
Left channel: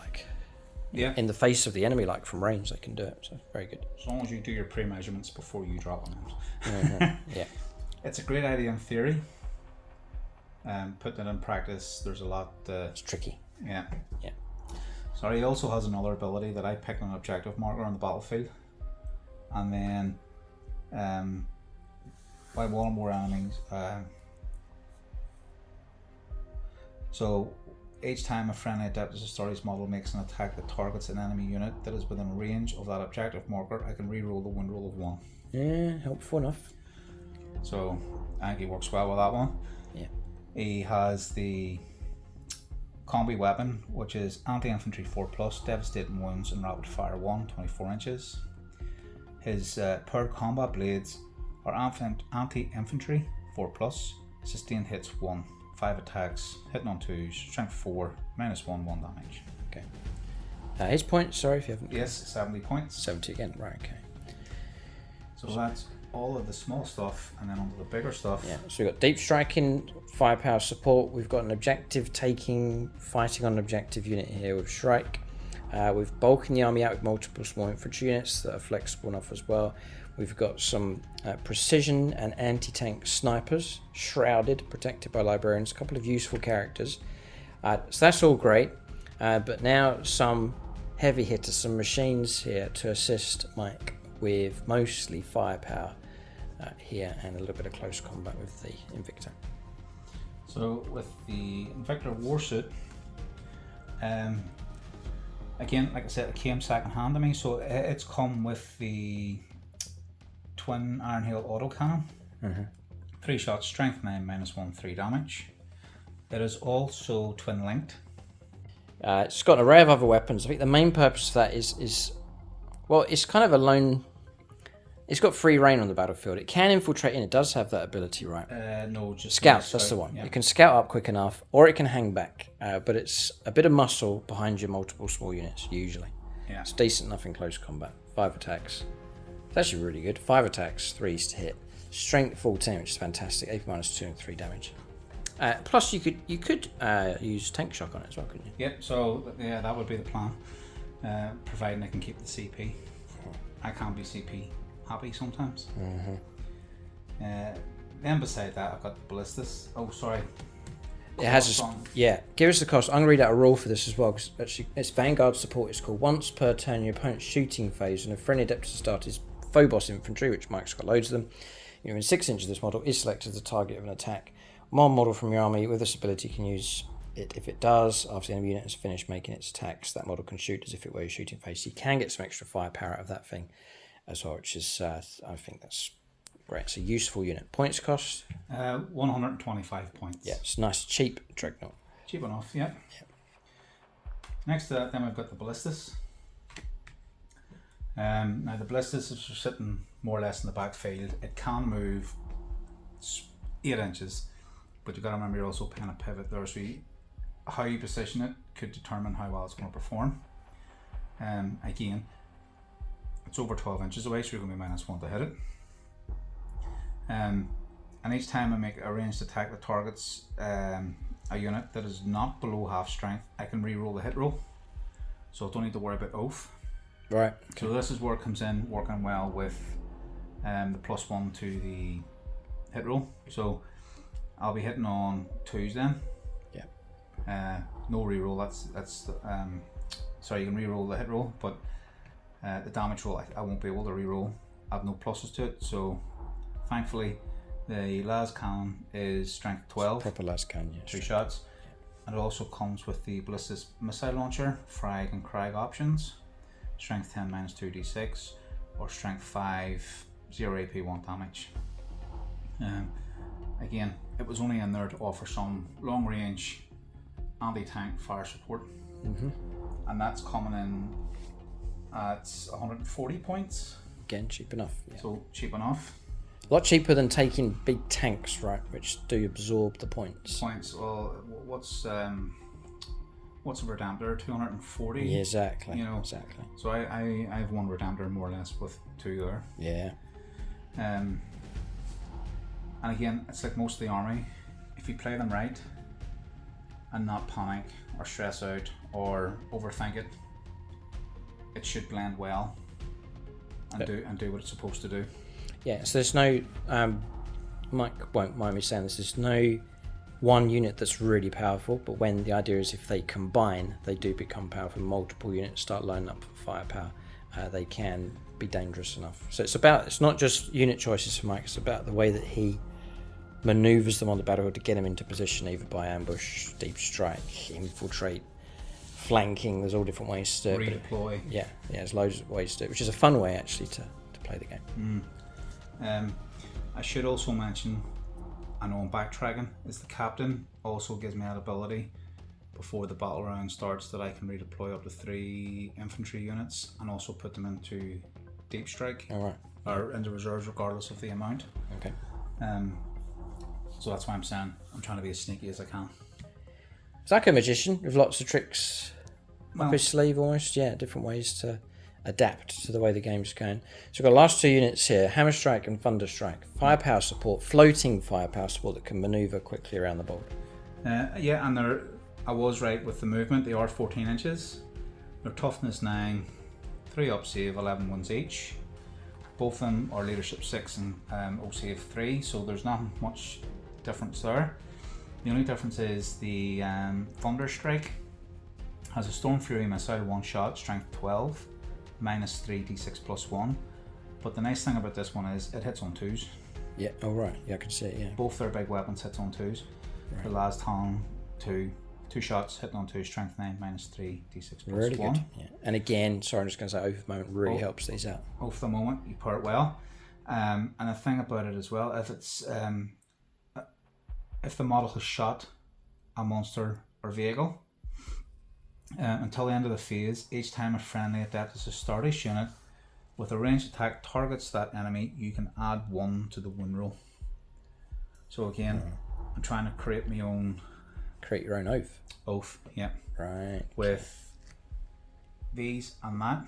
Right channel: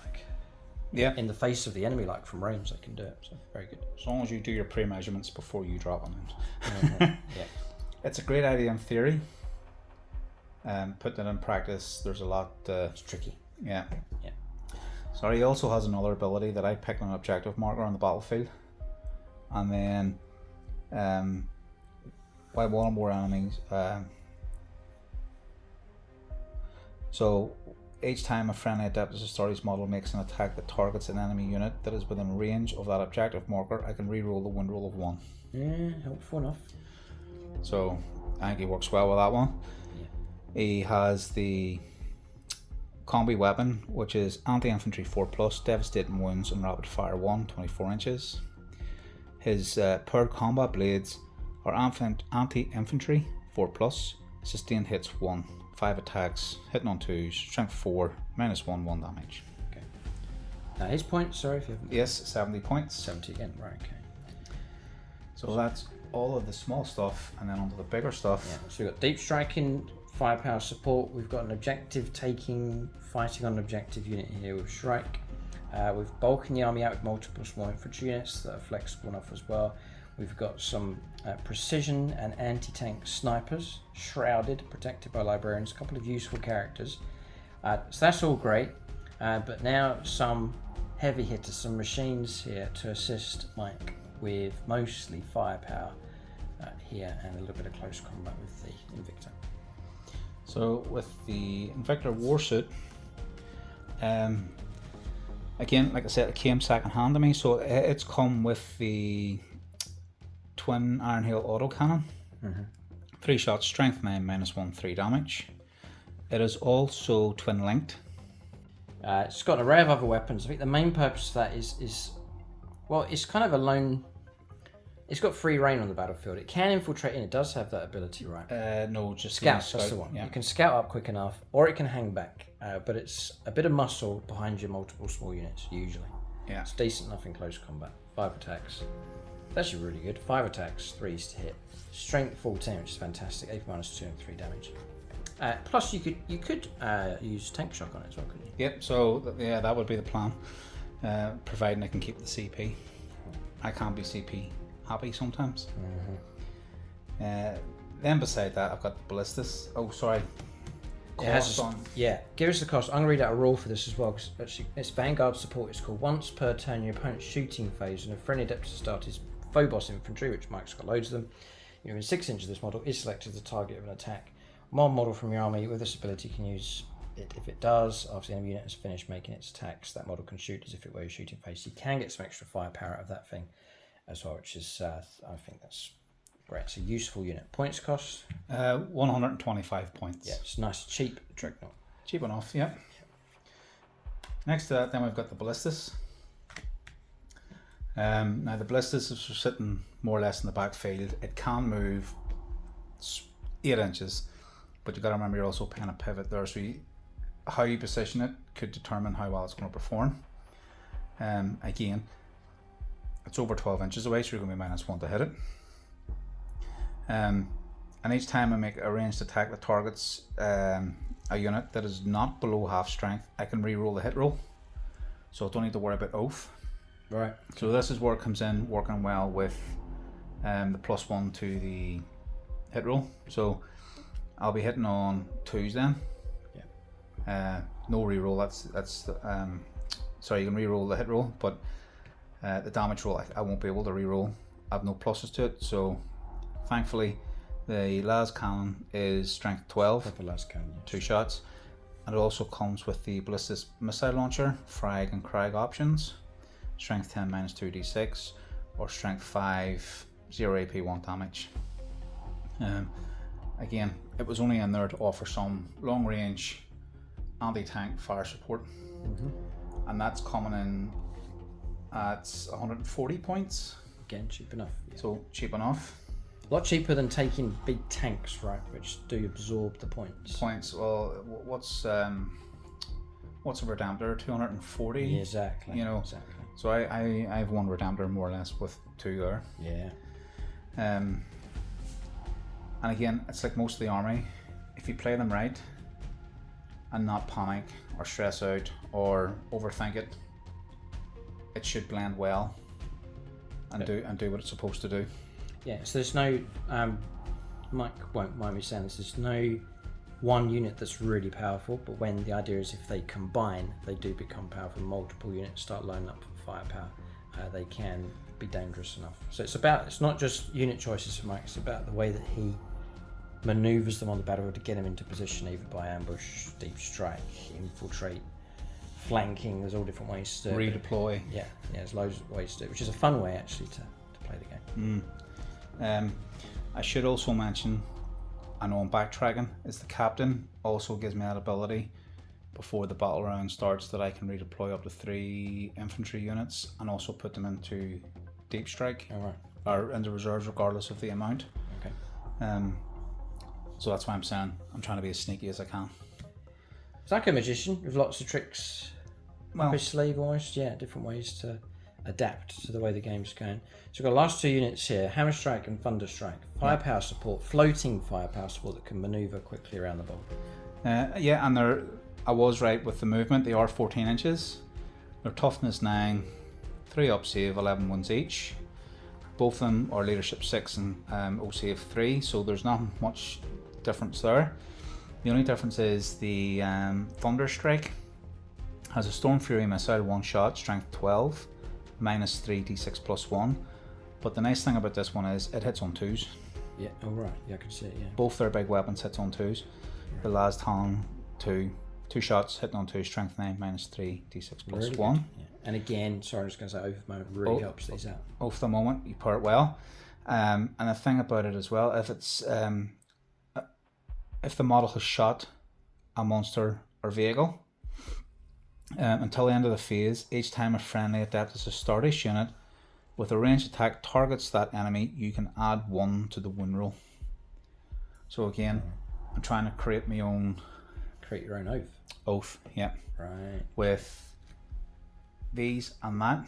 in the face of the enemy, like from range, they can do it. So very good. As long as you do your pre-measurements before you drop them. Yeah, it's a great idea in theory. Putting it in practice, there's a lot. It's tricky. Yeah. Yeah. So he also has another ability that I pick on an objective marker on the battlefield, and then by one or more enemies. So each time a friendly Adeptus Astartes model makes an attack that targets an enemy unit that is within range of that objective marker, I can reroll the win roll of 1. Yeah, helpful enough. So I think he works well with that one. Yeah. He has the combi weapon, which is anti-infantry 4+, devastating wounds and rapid fire 1, 24 inches. His paired combat blades are anti-infantry 4+, sustained hits 1. 5 attacks, hitting on 2s, strength 4, -1, 1 damage. Okay. His points, sorry if you haven't. Yes, 70 points. 70 again, right, okay. So that's all of the small stuff, and then onto the bigger stuff. Yeah, so we've got deep striking, firepower support. We've got an objective taking, fighting on an objective unit here with Shrike. We've bulking the army out with multiple small infantry units that are flexible enough as well. We've got some precision and anti-tank snipers, shrouded, protected by librarians, a couple of useful characters. So that's all great, but now some heavy hitters, some machines here to assist Mike with mostly firepower here and a little bit of close combat with the Invictor. So with the Invictor warsuit, again, like I said, it came second hand to me, so it's come with the twin Iron Hail autocannon. 3 shots, strength 9, -1, 3 damage. It is also twin linked. It's got an array of other weapons. I think the main purpose of that is well, it's kind of a lone. It's got free reign on the battlefield. It can infiltrate in. It does have that ability, right? No, just scouts. That's the one. Yeah. It can scout up quick enough, or it can hang back. But it's a bit of muscle behind your multiple small units usually. Yeah. It's decent enough in close combat. 5 attacks. It's actually really good. 5 attacks, 3s to hit. Strength 14, which is fantastic. AP -2 and 3 damage. Plus, you could use tank shock on it as well, couldn't you? Yep. So yeah, that would be the plan, providing I can keep the CP. I can't be CP happy sometimes. Then beside that, I've got the Balistus. Oh, sorry. It has give us the cost. I'm going to read out a rule for this as well, because actually it's Vanguard support. It's called once per turn your opponent's shooting phase and a friendly adept to start his Phobos infantry, which Mike's got loads of them. You're in 6 inches of this model is selected as the target of an attack. One model from your army with this ability can use it if it does. After the enemy unit has finished making its attacks, that model can shoot as if it were your shooting phase. You can get some extra firepower out of that thing as well, which is I think that's great. It's a useful unit. Points cost? 125 points. Yeah, it's nice, cheap Dreadnought. Cheap enough, yeah. Next to that, then we've got the Balistus. Now the Balistus is sitting more or less in the backfield. It can move 8 inches, but you've got to remember you're also paying a pivot there, so how you position it could determine how well it's going to perform. Again, it's over 12 inches away, so you're going to be -1 to hit it. And each time I make a ranged attack that targets a unit that is not below half strength, I can re-roll the hit roll, so I don't need to worry about oath. Right. So this is where it comes in, working well with the +1 to the hit roll. So I'll be hitting on 2s then. Yeah. No re-roll. That's sorry, you can re-roll the hit roll, but the damage roll I won't be able to re-roll. I have no pluses to it, so thankfully the las cannon is strength 12. Proper las cannon. Yeah, 2 shots, and it also comes with the Balistus missile launcher, frag and crag options. Strength 10 -2d6, or strength 5 0 AP 1 damage. Again, it was only in there to offer some long range anti-tank fire support, and that's coming in at 140 points. Again, cheap enough. Yeah. So cheap enough. A lot cheaper than taking big tanks, right? Which do absorb the points. Well, what's a Redemptor? 240. Yeah, exactly. You know, exactly. So I have one Redemptor more or less with 2 there. Yeah. And again, it's like most of the army. If you play them right and not panic or stress out or overthink it, it should blend well and do what it's supposed to do. Yeah. So there's no Mike won't mind me saying this. There's no one unit that's really powerful, but when the idea is if they combine, they do become powerful. Multiple units start lining up for firepower. They can be dangerous enough. So it's not just unit choices for Mike. It's about the way that he maneuvers them on the battlefield to get them into position, either by ambush, deep strike, infiltrate, flanking. There's all different ways to redeploy. Yeah, there's loads of ways to do it, which is a fun way actually to play the game. I should also mention, I know I'm backtracking, is the captain also gives me that ability before the battle round starts that I can redeploy up to 3 infantry units and also put them into deep strike. All right. Or into reserves regardless of the amount. Okay. So that's why I'm saying I'm trying to be as sneaky as I can. It's like a magician with lots of tricks up his sleeve almost. Yeah, different ways to adapt to the way the game's going. So we've got the last 2 units here, Hammerstrike and Thunderstrike. Firepower support, floating firepower support that can manoeuvre quickly around the board. Yeah, and I was right with the movement. They are 14 inches. They're toughness 9, 3 up save, 11 wounds each. Both of them are leadership 6 and O save 3, so there's not much difference there. The only difference is the Thunderstrike has a Storm Fury missile, 1 shot, strength 12, -3 d6 +1. But the nice thing about this one is it hits on 2s. Yeah, oh right, yeah, I can see it, yeah. Both their big weapons hits on 2s. Right. The last time 2 shots hitting on 2, strength 9, -3 d6 +1. Really good. Yeah. And again, sorry, I'm just going to say Oath moment really helps these out. Oath the moment, you pair it well. And the thing about it as well, if it's if the model has shot a monster or vehicle, until the end of the phase, each time a friendly adept is a Stardust unit with a ranged attack targets that enemy, you can add 1 to the wound roll. So again, I'm trying to create my own... Create your own oath. Oath, yeah. Right. With these and that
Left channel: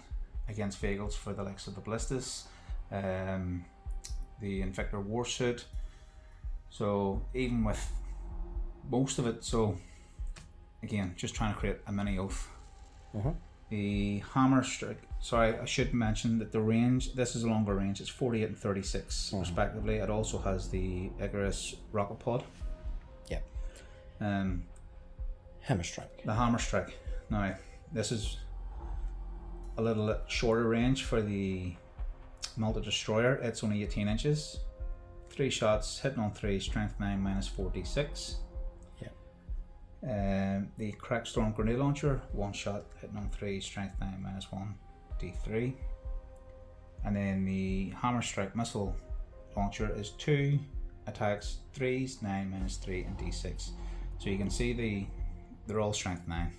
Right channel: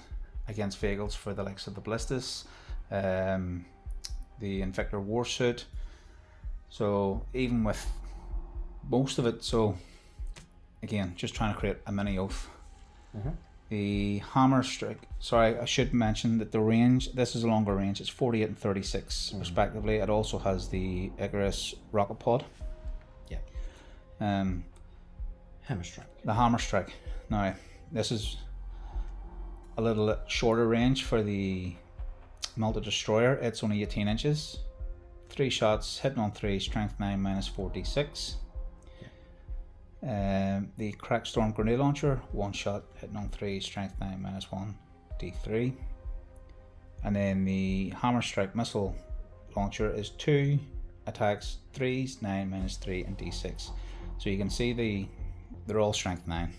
against vehicles for the likes of the Balistus, the Invictor Warsuit. So even with most of it. So again, just trying to create a mini oath. The Hammerstrike, sorry, I should mention that the range, this is a longer range, it's 48 and 36 respectively. It also has the Icarus rocket pod. Yeah. Hammerstrike. The Hammerstrike. Now, this is a little shorter range for the multi-destroyer. It's only 18 inches. 3 shots, hitting on 3, strength 9, minus 4d6. The Crackstorm grenade launcher, 1 shot, hitting on 3, strength 9, minus 1d3. And then the Hammerstrike missile launcher is 2 attacks, 3s, 9, minus 3, and d6. So you can see they're all strength 9.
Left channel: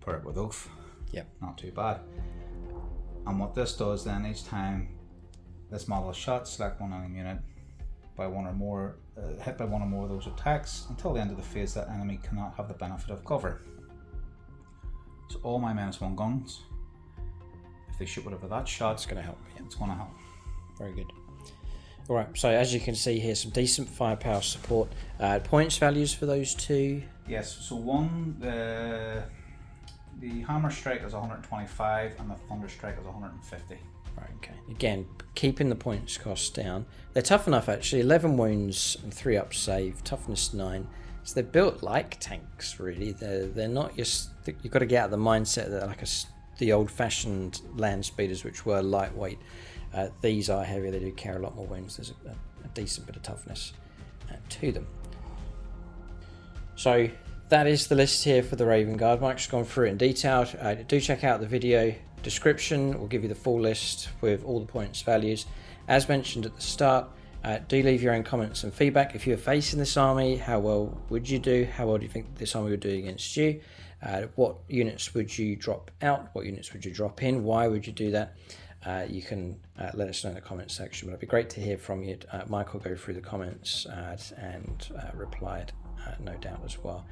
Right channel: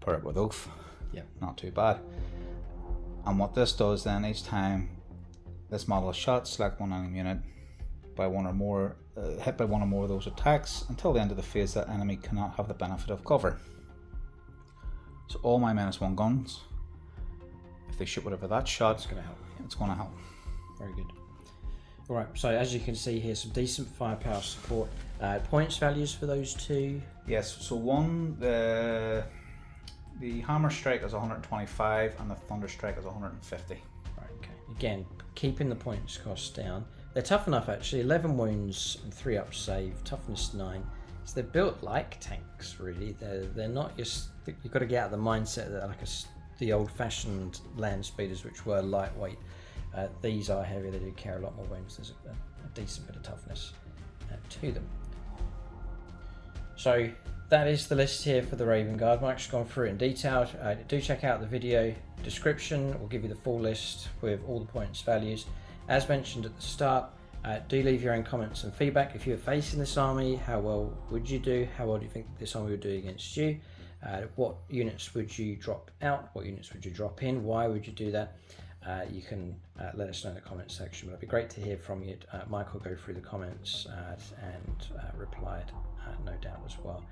Pair it with oath. Yeah. Not too bad. And what this does then, each time this model is shot, select one enemy unit by one or more, hit by one or more of those attacks. Until the end of the phase, that enemy cannot have the benefit of cover. So all my -1 guns, if they shoot whatever that shot, It's going to help. Yeah. it's going to help. Very good. All right, so as you can see here, some decent firepower support. Points values for those two. Yes, so one, the Hammerstrike is 125 and the Thunderstrike is 150. Right, okay. Again, keeping the points cost down. They're tough enough actually. 11 wounds and 3 up save. Toughness 9. So they're built like tanks, really. They're not just. You've got to get out of the mindset that like the old-fashioned land speeders, which were lightweight. These are heavier. They do carry a lot more wounds. There's a decent bit of toughness to them. So that is the list here for the Raven Guard. Mike's gone through it in detail. Do check out the video description. We'll give you the full list with all the points values. As mentioned at the start, do leave your own comments and feedback. If you're facing this army, how well would you do? How well do you think this army would do against you? What units would you drop out? What units would you drop in? Why would you do that? You can let us know in the comments section. But it'd be great to hear from you. Mike will go through the comments and reply, no doubt as well.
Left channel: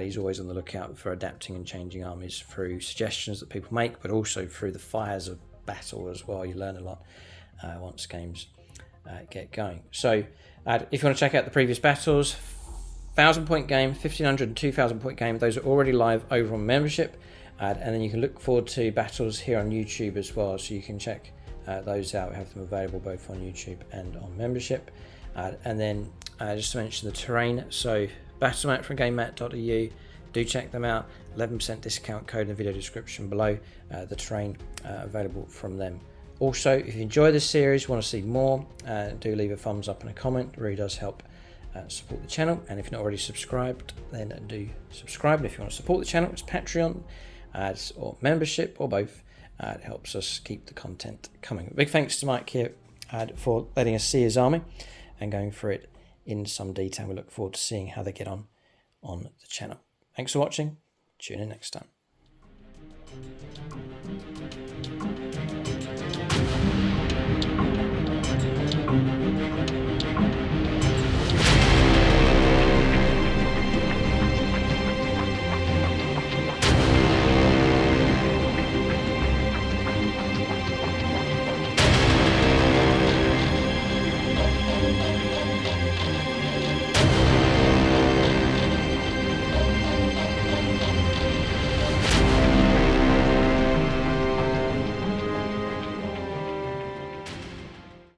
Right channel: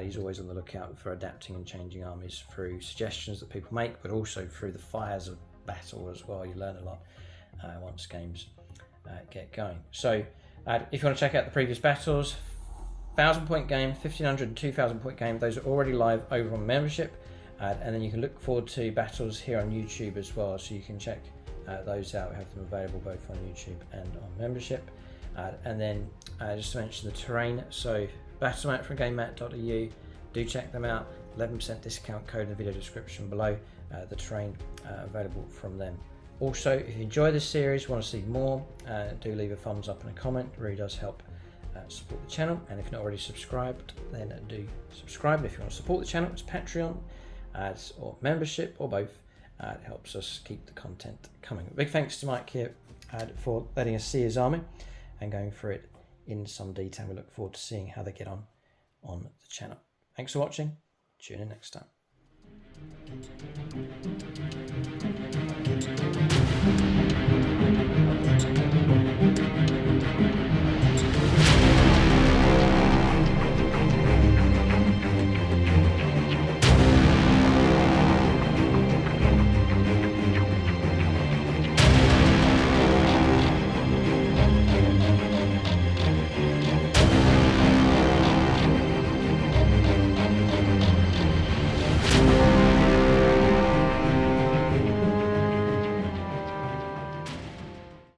He's always on the lookout for adapting and changing armies through suggestions that people make, but also through the fires of battle as well. You learn a lot once games get going. So if you want to check out the previous battles, 1,000 point game, 1,500 and 2,000 point game, those are already live over on membership. And then you can look forward to battles here on YouTube as well, so you can check those out. We have them available both on YouTube and on membership. And then just to mention the terrain, so Battlemat from GameMat.eu, do check them out. 11% discount code in the video description below. The terrain available from them. Also, if you enjoy this series, want to see more, do leave a thumbs up and a comment. It really does help support the channel. And if you're not already subscribed, then do subscribe. And if you want to support the channel, it's Patreon or membership or both. It helps us keep the content coming. Big thanks to Mike here for letting us see his army and going through it in some detail. We look forward to seeing how they get on the channel. Thanks for watching. Tune in next time.